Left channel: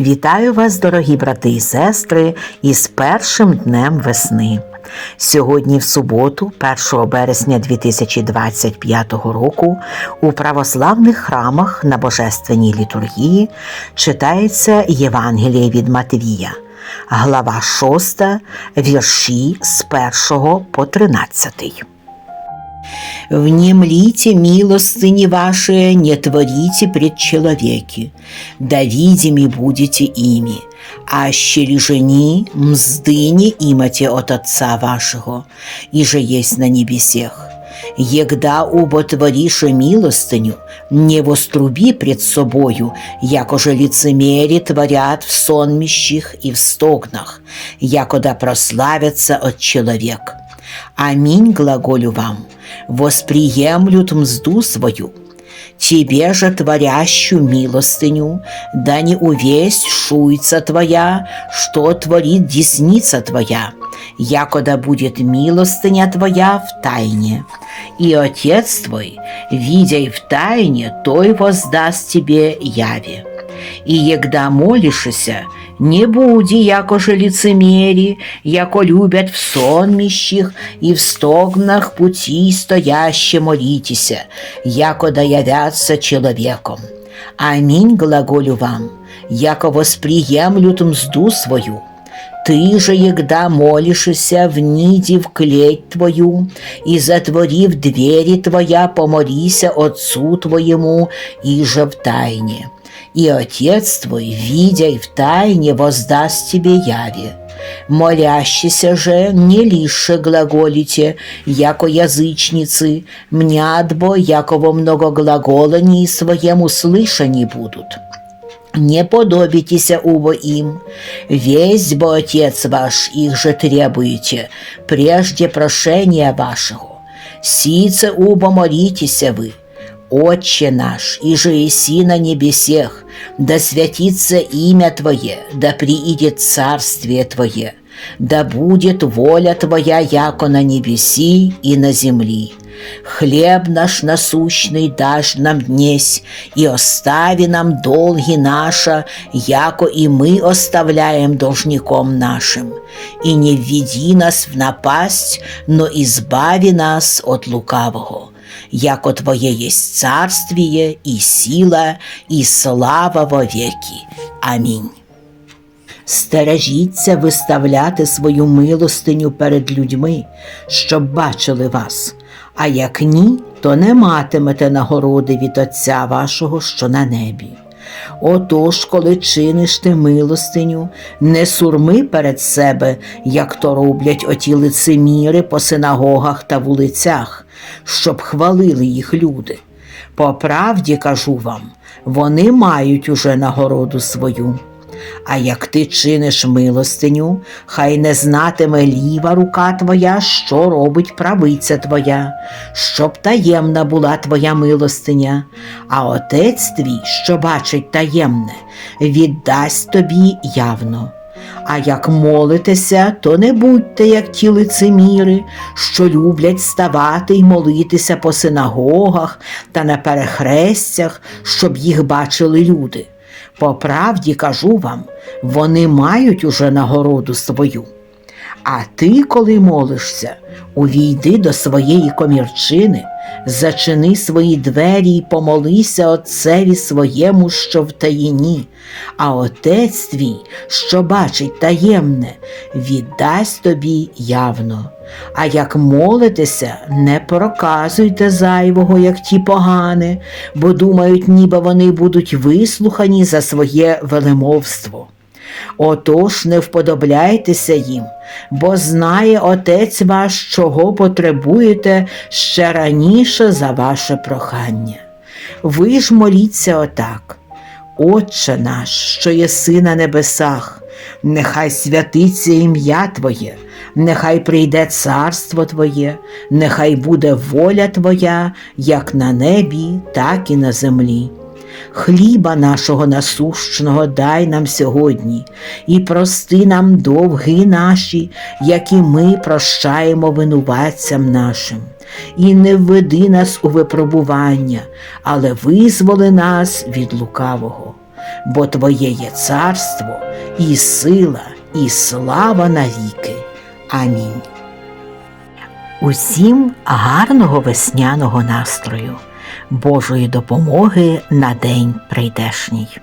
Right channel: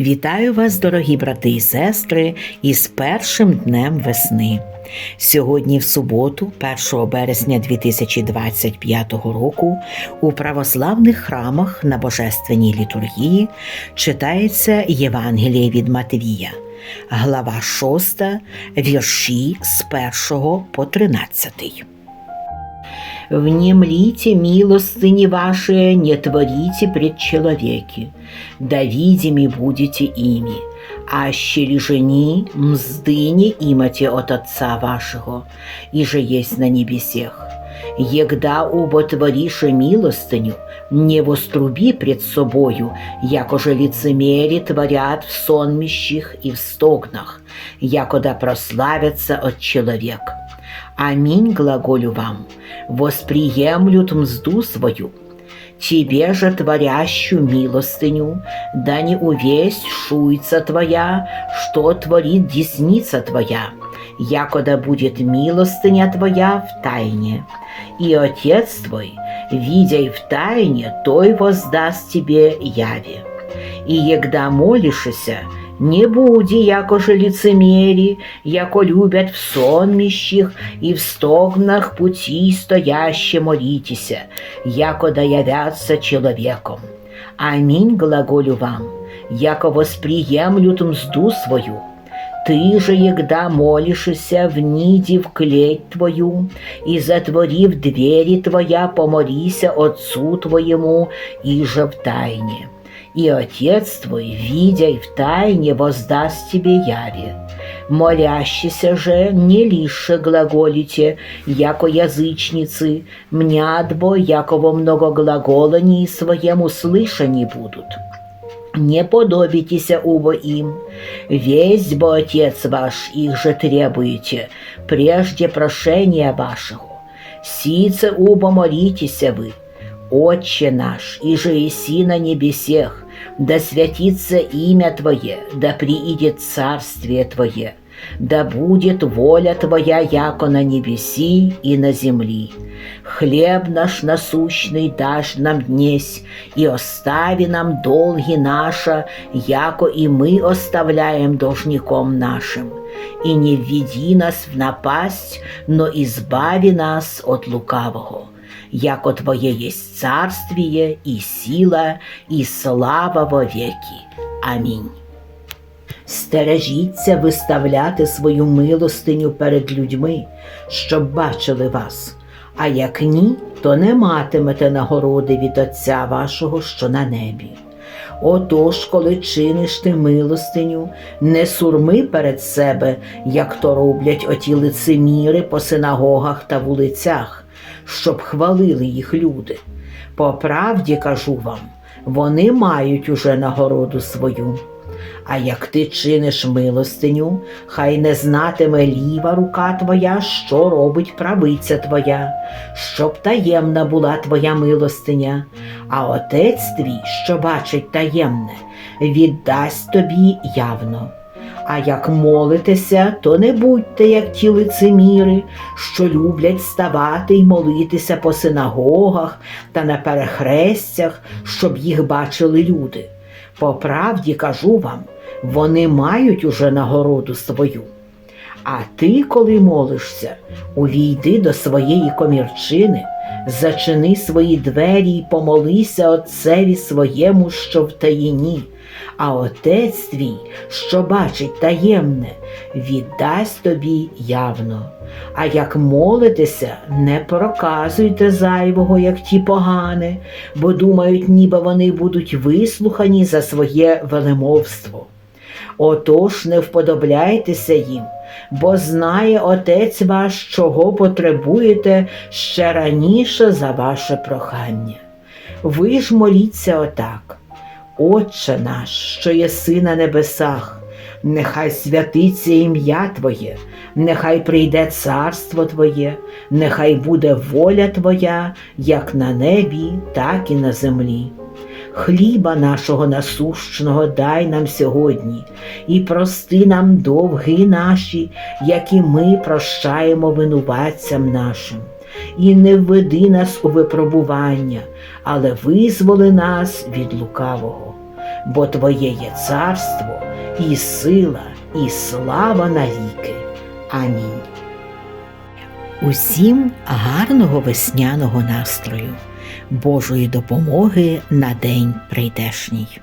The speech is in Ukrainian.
Вітаю вас, дорогі брати і сестри, із першим днем весни. Сьогодні, в суботу, 1 березня 2025 року, у православних храмах на Божественній літургії читається Євангеліє від Матвія, глава 6, вірші з 1 по 13. Внемлите милостыни ваши, не творите пред человеки, да видими будете ими, а щели жени мзды не имате от Отца вашего, и же есть на небесех. Егда уботворише милостыню, не воструби пред собою, якоже лицемери творят в сонмищих и в стогнах, якода прославятся от человек. Аминь глаголю вам, восприемлют мзду свою. Тебе же, творящую милостыню, да не увесть шуйца твоя, что творит десница твоя, якода будет милостыня твоя в тайне. И Отец твой, видя в тайне, той воздаст тебе яви. И егда молишься, не буди, якоже лицемери, яко любят в сонмищих и в стогнах пути стояще молитеся, яко да явятся человеком. Аминь глаголю вам, яко восприемлют мзду свою. Ты же, егда молишься, в ниде в клеть твою, и затворив двери твоя, помолися Отцу твоему, и же в тайне и Отец твой, видя и в тайне, воздаст тебе яви. Молящийся же не лише глаголите, яко язычницы, мнядбо, яко во многоглаголании своем услышани будут. Не подобитеся убо им, весь бо Отец ваш их же требуете, прежде прошения вашего. Сице убо молитеся вы, Отче наш, и же еси на небесех, да святится имя Твое, да приидет царствие Твое, да будет воля Твоя, яко на небеси и на земли. Хлеб наш насущный дашь нам днесь, и остави нам долги наша, яко и мы оставляем должником нашим. И не введи нас в напасть, но избави нас от лукавого яко Твоє єсть царствіє, і сила, і слава вовеки. Амінь. Стережіться виставляти свою милостиню перед людьми, щоб бачили вас, а як ні, то не матимете нагороди від Отця вашого, що на небі. Отож, коли чиниш ти милостиню, не сурми перед себе, як то роблять оті лицеміри по синагогах та вулицях, щоб хвалили їх люди. По правді кажу вам, вони мають уже нагороду свою. А як ти чиниш милостиню, хай не знатиме ліва рука твоя, що робить правиця твоя, щоб таємна була твоя милостиня, а отець твій, що бачить таємне, віддасть тобі явно. А як молитеся, то не будьте, як ті лицеміри, що люблять ставати й молитися по синагогах та на перехрестях, щоб їх бачили люди. По правді кажу вам, вони мають уже нагороду свою. А ти, коли молишся, увійди до своєї комірчини, зачини свої двері й помолися Отцеві своєму, що в таїні, а Отець твій, що бачить таємне, віддасть тобі явно. А як молитеся, не проказуйте зайвого, як ті погани, бо думають, ніби вони будуть вислухані за своє велемовство. Отож не вподобляйтеся їм, бо знає Отець ваш, чого потребуєте ще раніше за ваше прохання. Ви ж моліться отак. Отче наш, що єси на небесах, нехай святиться ім'я Твоє, нехай прийде царство Твоє, нехай буде воля Твоя, як на небі, так і на землі. Хліба нашого насущного дай нам сьогодні, і прости нам довги наші, які ми прощаємо винуватцям нашим. І не введи нас у випробування, але визволи нас від лукавого. бо Твоє є царство, і сила, і слава навіки. Амінь. Усім гарного весняного настрою, Божої допомоги на день прийдешній.